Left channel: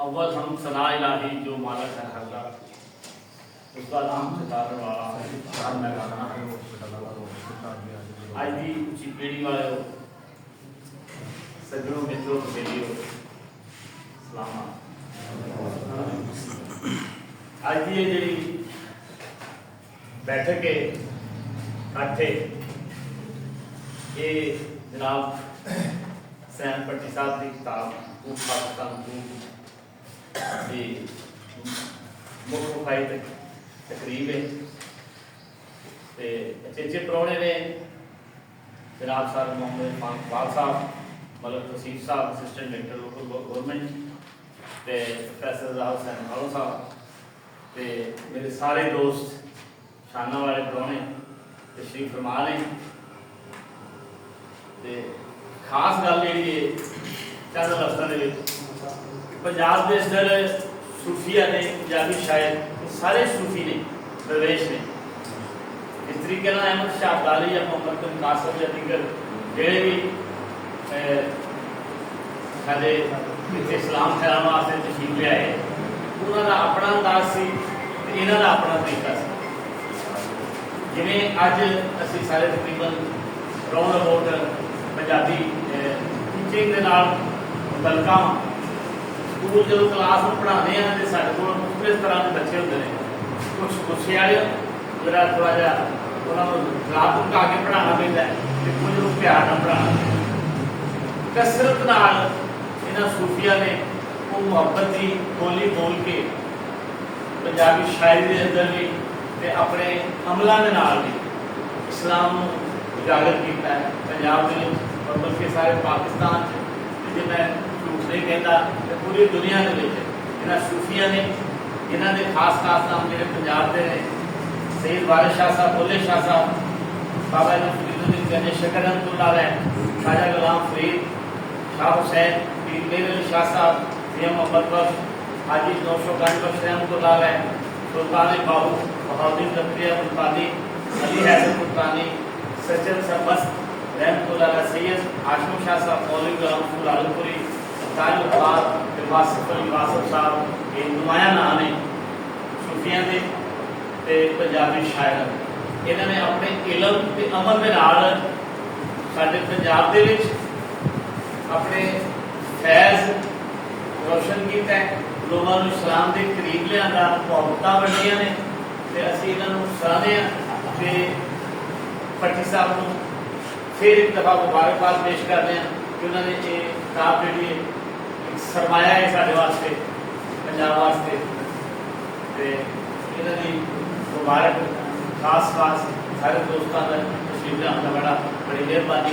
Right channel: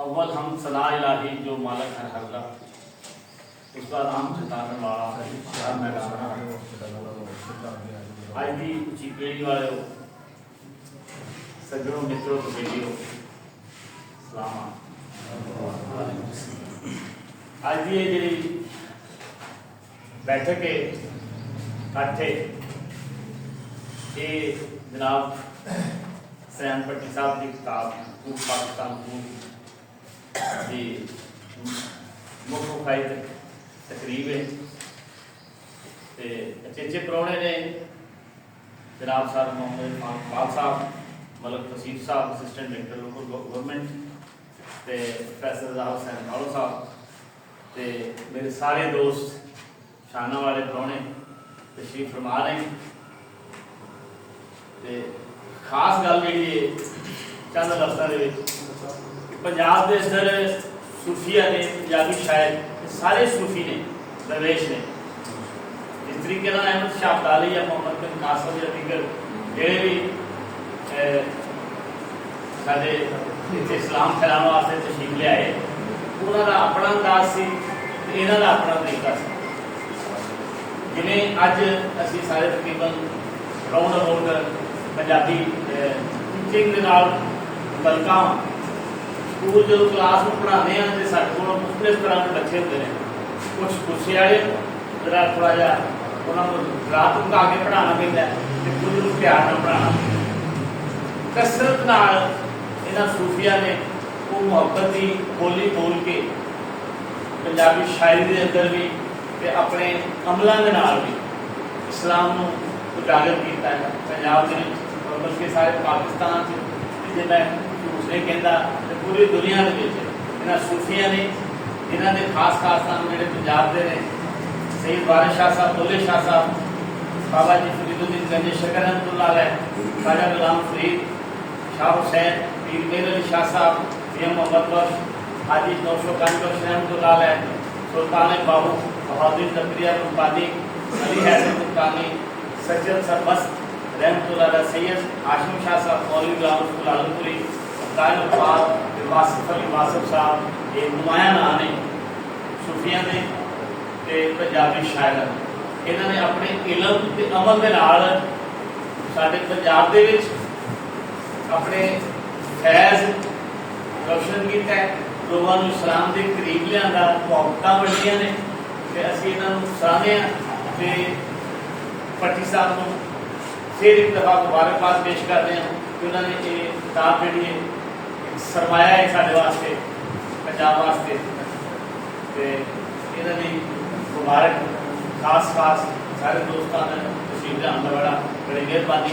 अव्वल हम सना इलाही जो मालक है हर का, उसका नाम खिताब वाला आज भी उची पीढ़ी वाले सज्जनों मित्रों तो बेटियों सलाम। आज की ये जी बैठक इकट्ठे ये जनाब सैम भट्टी साहब की किताब खूब पाकिस्तान खूब जी मुख मुखाई तकरीब है ते अचेचे परौने ने जनाब साहब मोहम्मद इकबाल साहब मलक तसीफ साहब असिस्टेंट डायरेक्टर लोकल गवर्नमेंट ते प्रोफैसर राहुल हुसैन खालो साहब ते मेरे सारे दोस्त शाना वाले परौने तशरीफ फरमा ने ते खास गल जी चंद लफ्ज़ों पंजाब के अंदर सूफिया ने पंजाबी शायर सारे सूफी ने दरवेश ने जिस तरीके अहमद शाह अब्दाली या मोहम्मद बिन कासिम या दीगर जोड़े भी साढ़े इतने इस्लाम फैलाने वास्ते तशरीफ ले आए उन्होंने अपना अंदाज से इन्हों का अपना तरीका से जिमें अज असी सारे तकरीबन राउंड अबाउट पंजाबी टीचिंग के नाल मुतलका स्कूल जो क्लास में पढ़ाते हैं तो साढ़े को मुख्तलिफ तरह के बच्चे होंगे हैं कुछ गुस्से वाले जरा थोड़ा जहा उन्होंने रात धमका के पढ़ाना पैदा है कुछ प्यार न पढ़ाना पैदा कसरत नाल इन्होंने सूफिया ने वो मुहब्बत की बोली बोल के पंजाबी शायरी के अंदर भी ते अपने अमलों के नाल भी इस्लाम को उजागर किया है पंजाब में और बल्कि सारे पाकिस्तान जो मैं नहीं कहता तो पूरी दुनिया के इन्होंने सूफिया ने इन्होंने खास खास नाम जोड़े पंजाब के ने सईद वारिस शाह साहब बुल्ले शाह साहब बाबा जी फरीदुद्दीन गंज शकर रहमतुल्लाह शाह गुलाम फरीद शाह हुसैन पीर मेर अली शाह साहब पीर मोहम्मद बख्श हाजी नौशो खान बख्श रहमतुल्लाह सुल्तान बाबू बहादुर जकरिया मुल्तानी अली हैदर मुल्तानी सज्जद सरमस्त रहमतुल्लाह सैयद हाशिम शाह साहब मौलवी गुलाम आलमपुरी वासिफ साहब ये नुमाया नाम ने सूफिया के पंजाबी शायर इन्होंने अपने इलम के अमल के नाल साडे पंजाब दे विच अपने फैज़ रोशन किया लोगों को इस्लाम के करीब लिया मुहब्बतां बढ़िया ने ते असीं इन्हां नूं सराहने ते भट्टी साहब नूं फिर एक दफा मुबारकबाद पेश करते हैं कि उन्होंने ये किताब जी सरमाया है साढ़े वास्ते पंजाब वास्ते इन्हों की मुबारक खास खास सारे दोस्तों का तशरीफ लिया बड़ा बड़ी मेहरबानी